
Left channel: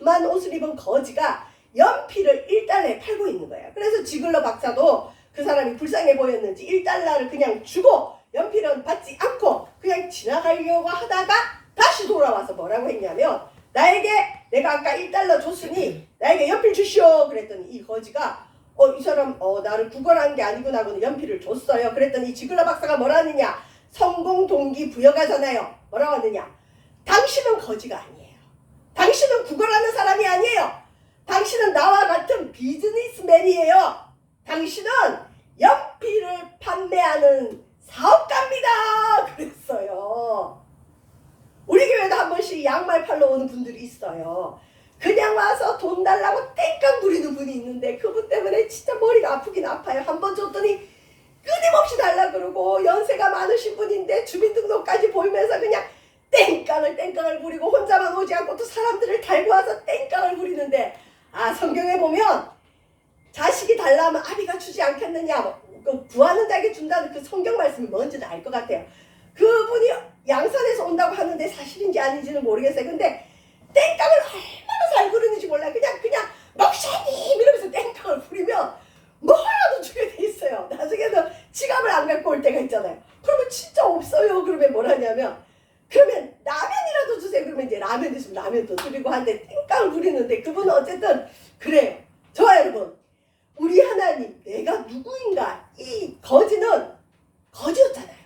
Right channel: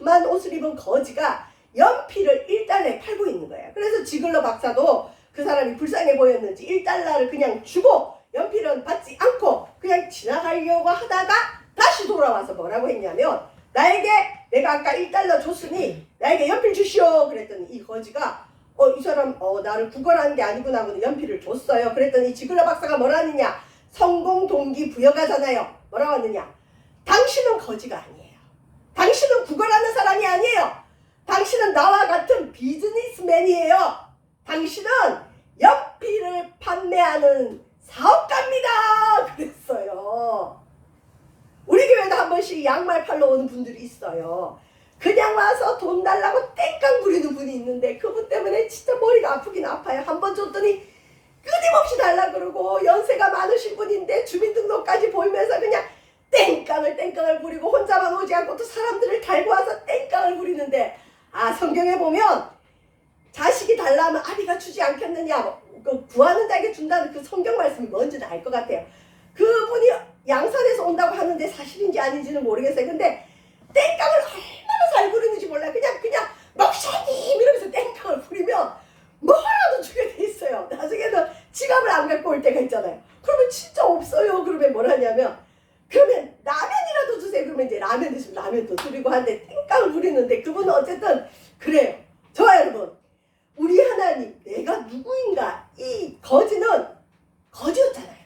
험한 옷을 입은 거지가 연필을 1달러에 팔고 있는 거예요. 그래서 지글러 박사도 그 사람이 불쌍해 보였는지 1달러를 그냥 주고 연필은 받지 않고 그냥 지나가려고 하다가 다시 돌아와서 뭐라고 했냐면 내가 아까 1달러 줬으니 나에게 연필 주시오. 그랬더니 이 거지가 이 사람 나를 구걸한 게 아니구나 하고 연필을 줬어요. 그랬더니 지글러 박사가 뭐라 하느냐? 성공 동기 부여가잖아요. 뭐라고 하느냐? 당신은 거지가 아니에요. 당신은 구걸하는 사람이 아니에요. 당신은 나와 같은 비즈니스맨이에요. 당신은 연필을 판매하는 사업가입니다. 그랬어요. 우리 교회도 한 번씩 양말 팔러 오는 분들이 있어요. 그냥 와서 돈 달라고 땡깡 부리는 분이 있는데 그분 때문에 진짜 머리가 아프긴 아파요. 한 번 줬더니 끊임없이 달라 그러고 연세가 많으신 분인데 주민등록까지 보이면서 그냥 땡깡을 부리고 혼자만 오지 않고 또 사람들을 달고 와서 땡깡을 부리는데 성경에 보면 자식이 달라면 아비가 주지 않겠느냐 구하는 자에게 준다는 그 성경 말씀이 뭔지는 알 것 같아요. 그분이 양산에서 온다고 하는데 사실인지 아닌지는 모르겠어요. 근데 땡깡을 얼마나 잘 부르는지 몰라요. 그냥 목사님 이러면서 땡깡을 부리면 뭐라도 주게 돼 있어요. 나중에는 지갑을 안 갖고 올 때가 있잖아요. 그러면 진짜 없어요. 그러면 뭘 하냐면 그러면 라면이라도 주세요. 그러면 이제 라면 드시면 라면도 드리고 하는데 땡깡을 부리는데 그분은 어쨌든 그래요. 저와 여러분, 우리 하나님 내가 누구인가? 이 거지는 거지였잖아요.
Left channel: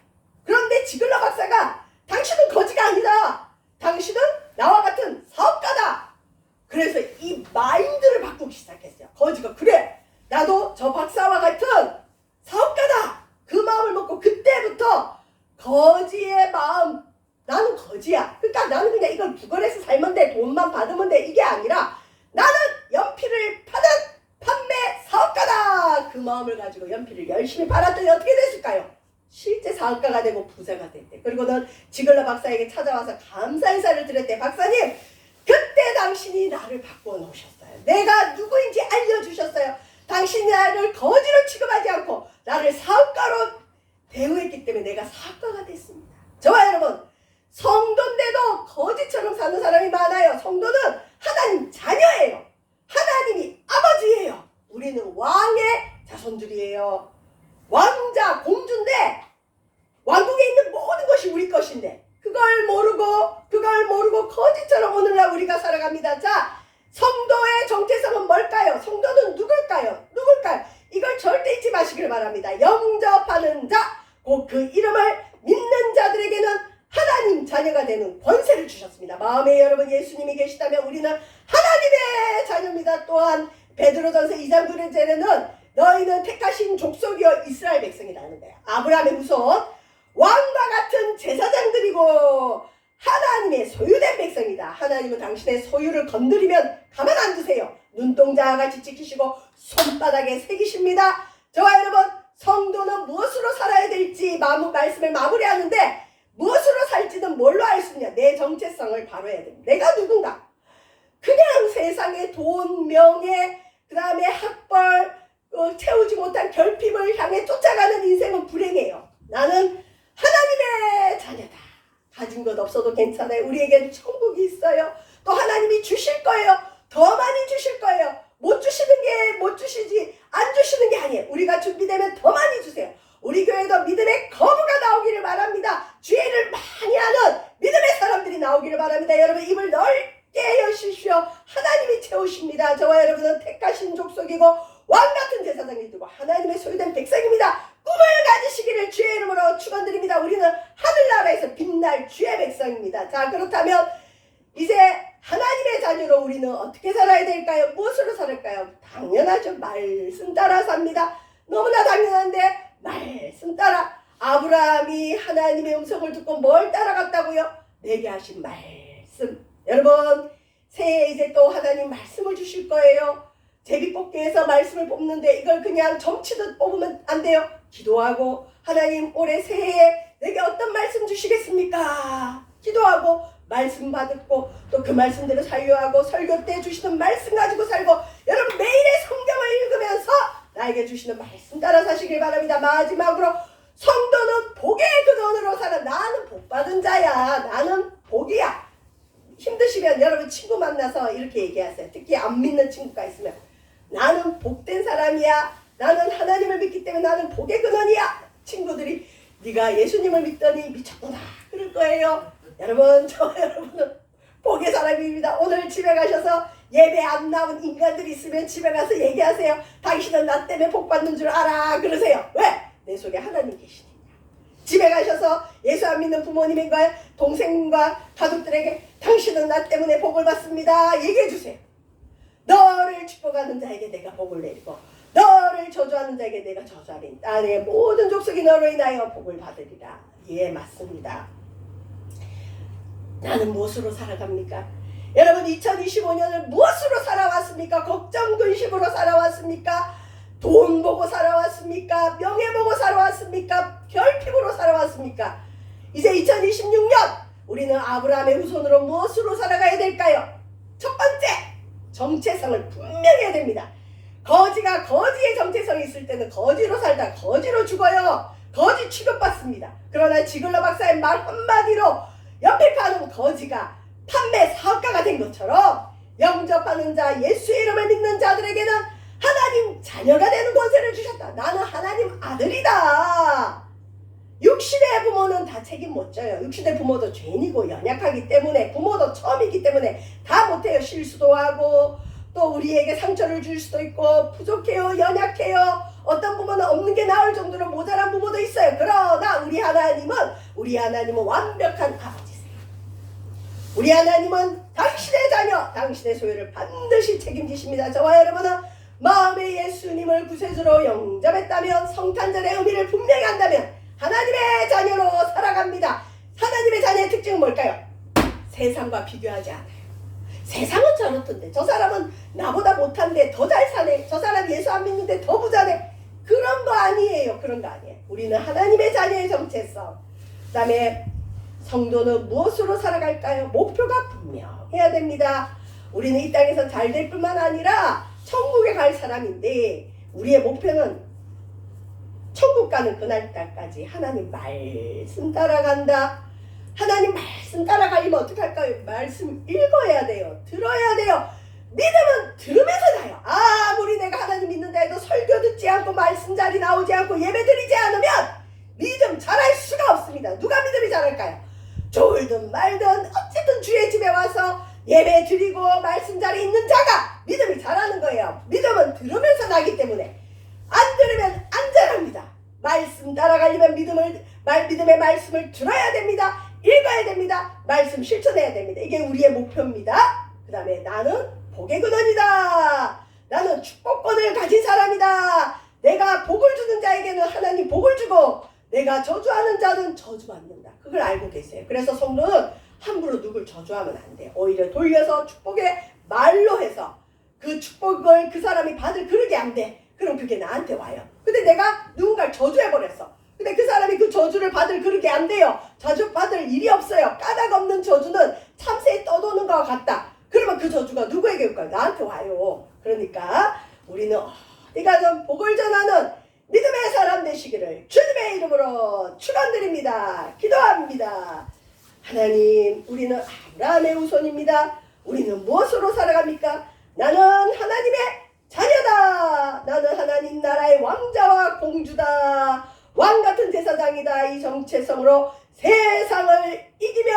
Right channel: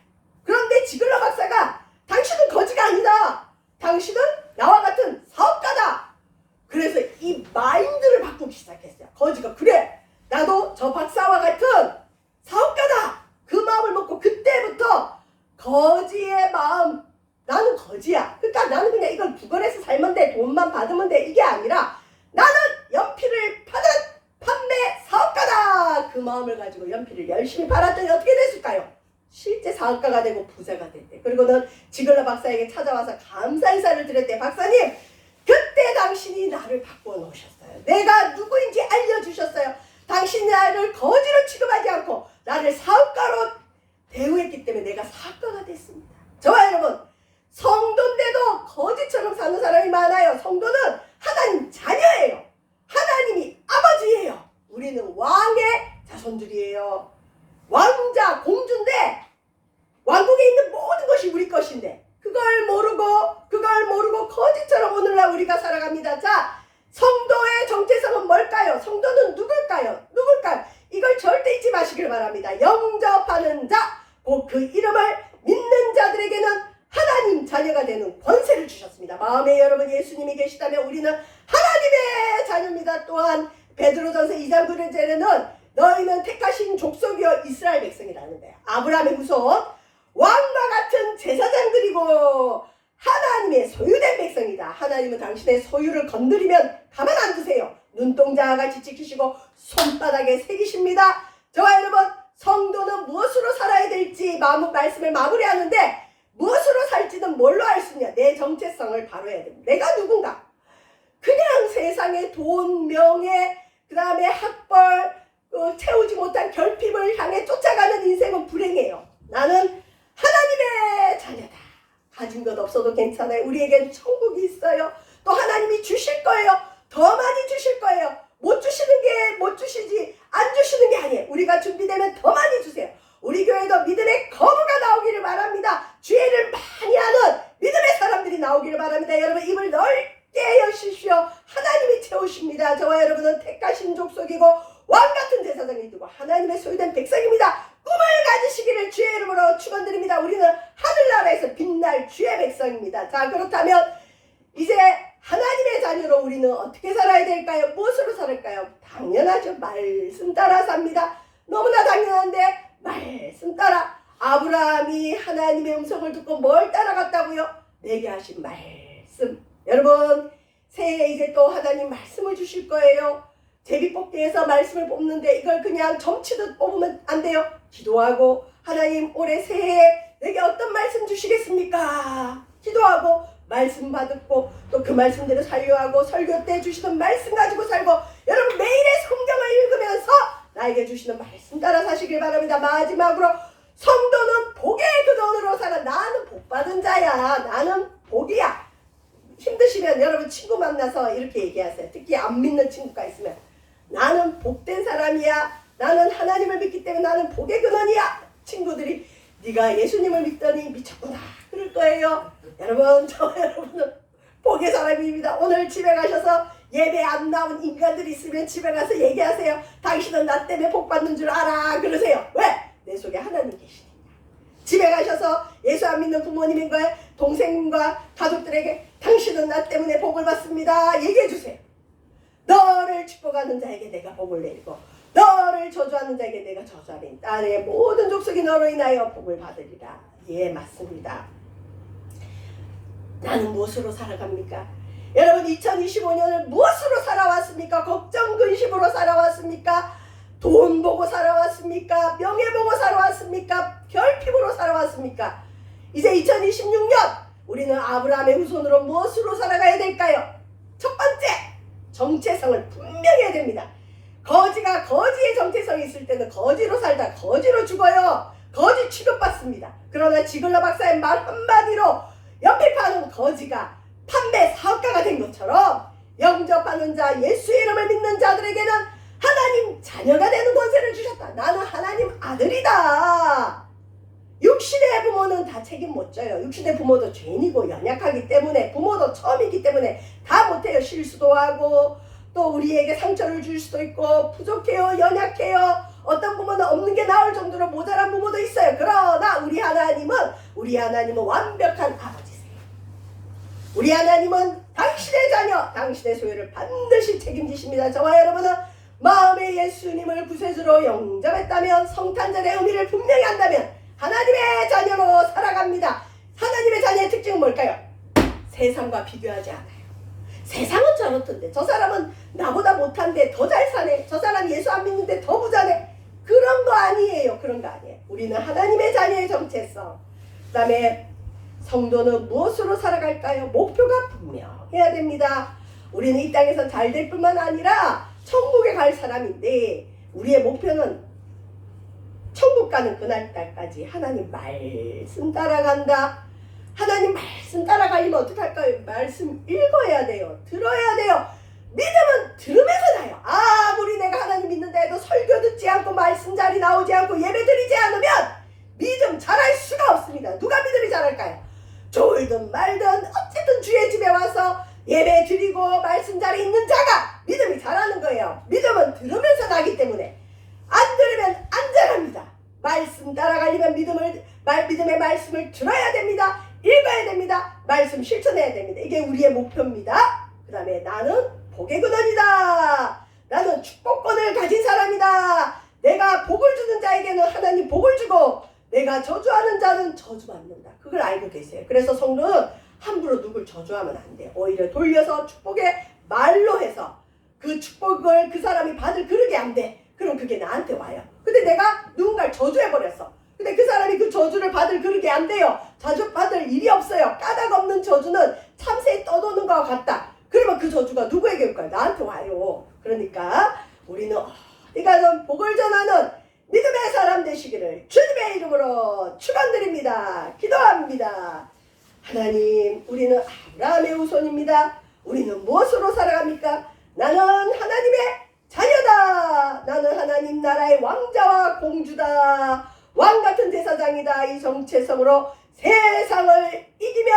그런데 지글러 박사가 당신은 거지가 아니다. 당신은 나와 같은 사업가다. 그래서 이 마인드를 바꾸기 시작했어요. 거지가 그래 나도 저 박사와 같은 사업가다. 그 마음을 먹고 그때부터 거지의 마음 나는 거지야. 그러니까 나는 그냥 이걸 구걸해서 살면 돼. 돈만 받으면 돼. 이게 아니라 나는 연필을 파는 판매 사업가다. 그 마음을 가지고 연필을 열심히 팔았더니 어떻게 됐을까요? 실제 사업가가 되고 부자가 됐대. 그리고는 지글러 박사에게 찾아와서 감사 인사를 드렸대. 박사님, 그때 당신이 나를 바꿔 놓으셨어요. 내가 누구인지 알려주셨어요. 당신이 나를 거지로 취급하지 않고 나를 사업가로 대우했기 때문에 내가 사업가가 됐습니다. 저와 여러분, 성도인데도 거지처럼 사는 사람이 많아요. 성도는 하나님 자녀예요. 하나님이 아버지예요. 우리는 왕의 자손들이에요. 왕자, 공주인데 왕국에 있는 모든 것이 우리 것인데 그걸 모르고 거지처럼 오늘날 우리가 살아갑니다. 자, 성도의 정체성은 뭘까요? 성도는 누굴까요? 이걸 절대 잊지 마시길 바랍니다. 영접하는 자, 곧 그 이름을 믿는 자들에게는 하나님 자녀가 되는 권세를 주셨습니다. 마음에 여러분 예수님이 계시다면 우리는 하나님의 자녀입니다. 또한 베드로전서 2장 9절에는 너희는 택하신 족속이여 이스라엘 백성이라는 거야. 아브라함의 후손 왕과 같은 제사장들이고 하나님의 소유된 백성이다. 하나님은 당신의 소유를 건드리면 가만 안 두세요. 눈동자와 같이 지키시고 손바닥에 새기십니다. 저와 여러분, 성도는 무엇으로 살아야 될지 말씀을 마무리하는데 무엇으로 살지는 뭘로 알 수 있냐? 내 정체성을 바로 해야 됩니다. 내가 누군가? 그냥 세상의 돈, 명예, 그 다음에 학벌, 채우지 못한 결핍을 향해 쫓아가는 인생은 불행해요. 나는 하나님의 자녀다. 가진 것 없어도 괜찮아요. 우리에겐 천국이 있어요. 또 하나님이 주실 거예요. 더 많이 주실 거예요. 못 주시는 게 못 주시지 안 주시는 게 아니에요. 우리가 준비되면 더 많이 주세요. 우리 교회도 믿음의 거부가 나오기를 바랍니다. 죄를 많이 하는 믿음의 사람들이 나오기를 바랍니다. 여러분, 입을 넓게 여십시오. 하나님이 채우십니다. 저와 여러분은 택하신 족속이고 왕같은 제사장이 되고 하나님의 소유된 백성입니다. 꿈을 가지시기를 주의 이름으로 축원드립니다. 우리는 하늘나라에서 빛날 주의 백성입니다. 자, 그렇다면 이제 하나님의 자녀로 우리는 어떻게 살아야 될까요? 무엇으로 살을까요? 당연하죠. 말씀 따라 삽니다. 너무나 당연한데 말씀 따라. 아브라함이 하나님의 음성을 듣고 뭘 따라갔다고요? 내게 하신 말씀. 여러분, 새해에 이제 또 하나님 말씀을 주실 거예요. 제비뽑기에서 말씀을 뽑는데 이걸 그냥 점치듯 뽑으면 안 돼요. 기도하고 하나님 올해 새해에 내게 어떤 말씀 주시겠습니까? 기도하고 말씀 받고 또 그 말씀대로 살려하고 설교 때 주시는 말씀 가지고 살고 여러분 매일의 성경을 읽으면서 나에게 주시는 말씀 따라 사시길 바랍니다. 마지막으로 성도는 복의 근원으로 살아. 나는 복 받은 자야. 나는 복이야. 힘드시면 여러분 친구 만나서 이렇게 얘기하세요. 특히 안 믿는 친구가 있으면 나는 복된 사람이야. 나는 하나님을 믿기 때문에 나는 복의 근원이야. 친구들이 네가 예수님을 믿더니 미쳤구나 그럴 거예요. 여러분, 저 여러분은 복의 사람입니다. 오늘 집에 가셔서 예배 안 나온 인간들이 있으면 집에 가서 얘기하세요. 당신은 나 때문에 복 받는 줄 알아. 그러세요. 왜? 내 속에 하나님 계시니까. 집에 가셔서 예수 안 믿는 부모님과 동생과 가족들에게 당신은 나 때문에 복을 받습니다. 얘기해 주세요. 너를 축복하는 자에게 내가 복을 내리고 너를 저주하는 자에게 내가 저주하리니 땅의 모든 족속이 너로 인하여 복을 받으리라. 예, 맞습니다. 나는 무엇으로 살아갑니까? 여러분, 2025년을 무엇으로 살아왔습니까? 걱정 근심으로 살아왔습니까? 돈 보고 살아왔습니까? 명예 보고 살아왔습니까? 결핍으로 살아왔습니까? 이제 2026년 우리는 아브라함의 후손으로 무엇으로 살아가야 될까요? 첫 번째, 정체성을 분명히 해야 됩니다. 거지가 거지의 정체성이 있을 때는 거지로 살다 거지로 죽어요. 거지 취급받습니다. 그러나 지글러 박사의 말 한마디로 옆에 파는 거지가 판매 사업가가 된 것처럼 영접하는 자, 예수의 이름을 믿는 자들에게는 하나님 자녀가 되는 권세를 주셨다. 나는 하나님 아들이다. 육신의 부모는 다 책임 못 져요. 육신의 부모도 죄인이고 연약하기 때문에 부모도 처음이기 때문에 다 못해요. 실수도 하고 또 우리에게 상처를 줄 수도 있고 부족해요. 연약해요. 어떤 부모는 없는 게 나을 정도로 모자란 부모도 있어요. 그러나 우리 하나님은 완벽한 아버지세요. 우리 하나님은 당신의 자녀, 당신의 소유를 반드시 책임지십니다. 저와 여러분은 마음에 예수님을 구세주로 영접했다면 성탄절의 의미를 분명히 한다면 하나님의 자녀로 살아갑니다. 하나님의 자녀의 특징은 뭘까요? 세상과 비교하지 않아요. 세상은 저렇던데 저 사람은 나보다 못한데 더 잘 사네. 저 사람 예수 안 믿는데 더 부자네. 그런 거 아니에요. 그런 거 아니에요. 우리는 하나님의 자녀의 정체성. 그 다음에 성도는 무엇으로 살아갈까요? 목표가 분명해야 됩니다. 우리는 이 땅에서 잘 될 뿐만 아니라 천국에 갈 사람인데 우리의 목표는 천국 가는 그날까지 하나님 말씀 따라간다. 하나님 말씀 따라가려면 어떻게 할까요? 말씀 읽어야 돼요. 들어야 돼요. 믿음은 들으면서 나요. 아무리 내가 하나님 믿는다 해도 설교 듣지 않고 말씀 자리 나오지 않고 예배 드리지 않으면 믿음 잘할 수가 없습니다. 누가 믿음이 잘할까요? 좋을든 말든 어쨌든 주의 집에 와서 예배 드리고 말씀 자리 있는 자가 믿음이 잘하는 거예요. 믿음은 들으면서 나기 때문에 안 들으면 안 잘합니다. 말씀 따라가려면 믿음의 말씀을 들어야 됩니다. 읽어야 됩니다. 말씀 실천해야 됩니다. 이게 우리의 목표입니다. 그 다음에 나는 복의 근원이다. 나는 축복권을 가진 사람이다. 내가 복을 주는 자에게는 하나님 복을 주고 내가 저주하는 자는 저주받는다. 그걸 알고 계세요. 그래서 성도는 함부로 누굴 저주하면 안 돼요. 오히려 돌려서 축복의 말로 해서 그 축복을 그 사람이 받을 그릇이 안 돼. 그럼 그게 나한테 와요. 근데 내가 누군가를 저주해버렸어. 근데 그 사람이 그 저주를 받을 그릇이 안 돼요. 저주 받을 일이 없어요. 까닭 없는 저주는 참새에 떠도는 것과 같다. 그러면 그 저주가 누구에게 올까요? 나한테 와요. 그러니까 우리는 어디가 좀 복을 전하는 믿음의 사람 되시기를 주님의 이름으로 축원드립니다. 기도합니다. 하나님, 우리는 아브라함의 후손입니다. 우리는 무엇으로 살아갑니까? 나는 하나님의 자녀다. 나는 하나님 나라의 왕자와 공주다. 왕같은 제사장이다. 이 정체성으로 세상을 이기며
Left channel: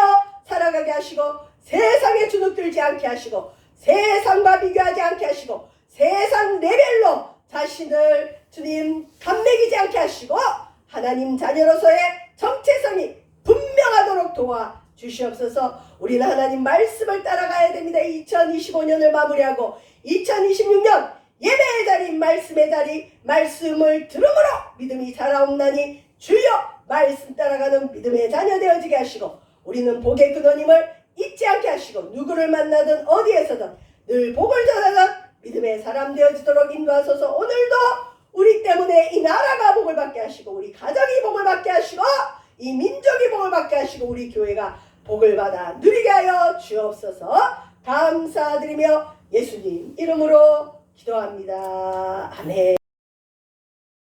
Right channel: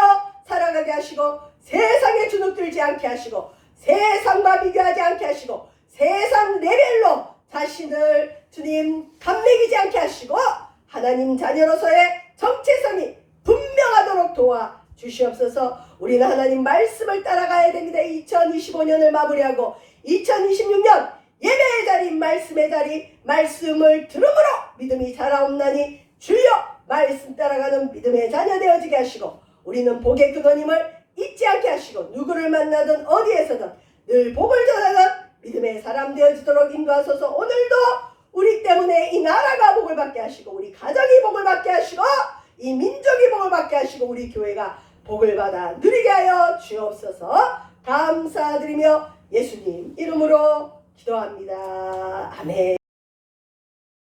살아가게 하시고 세상에 주눅들지 않게 하시고 세상과 비교하지 않게 하시고 세상 레벨로 자신을 주님 감매기지 않게 하시고 하나님 자녀로서의 정체성이 분명하도록 도와 주시옵소서. 우리는 하나님 말씀을 따라가야 됩니다. 2025년을 마무리하고 2026년 예배의 자리, 말씀의 자리, 말씀을 들음으로 믿음이 자라옵나니 주여 말씀 따라가는 믿음의 자녀 되어지게 하시고 우리는 복의 근원임을 잊지 않게 하시고 누구를 만나든 어디에서든 늘 복을 전하는 믿음의 사람 되어지도록 인도하소서. 오늘도 우리 때문에 이 나라가 복을 받게 하시고 우리 가정이 복을 받게 하시고 이 민족이 복을 받게 하시고 우리 교회가 복을 받아 누리게 하여 주옵소서. 감사드리며 예수님 이름으로 기도합니다. 아멘.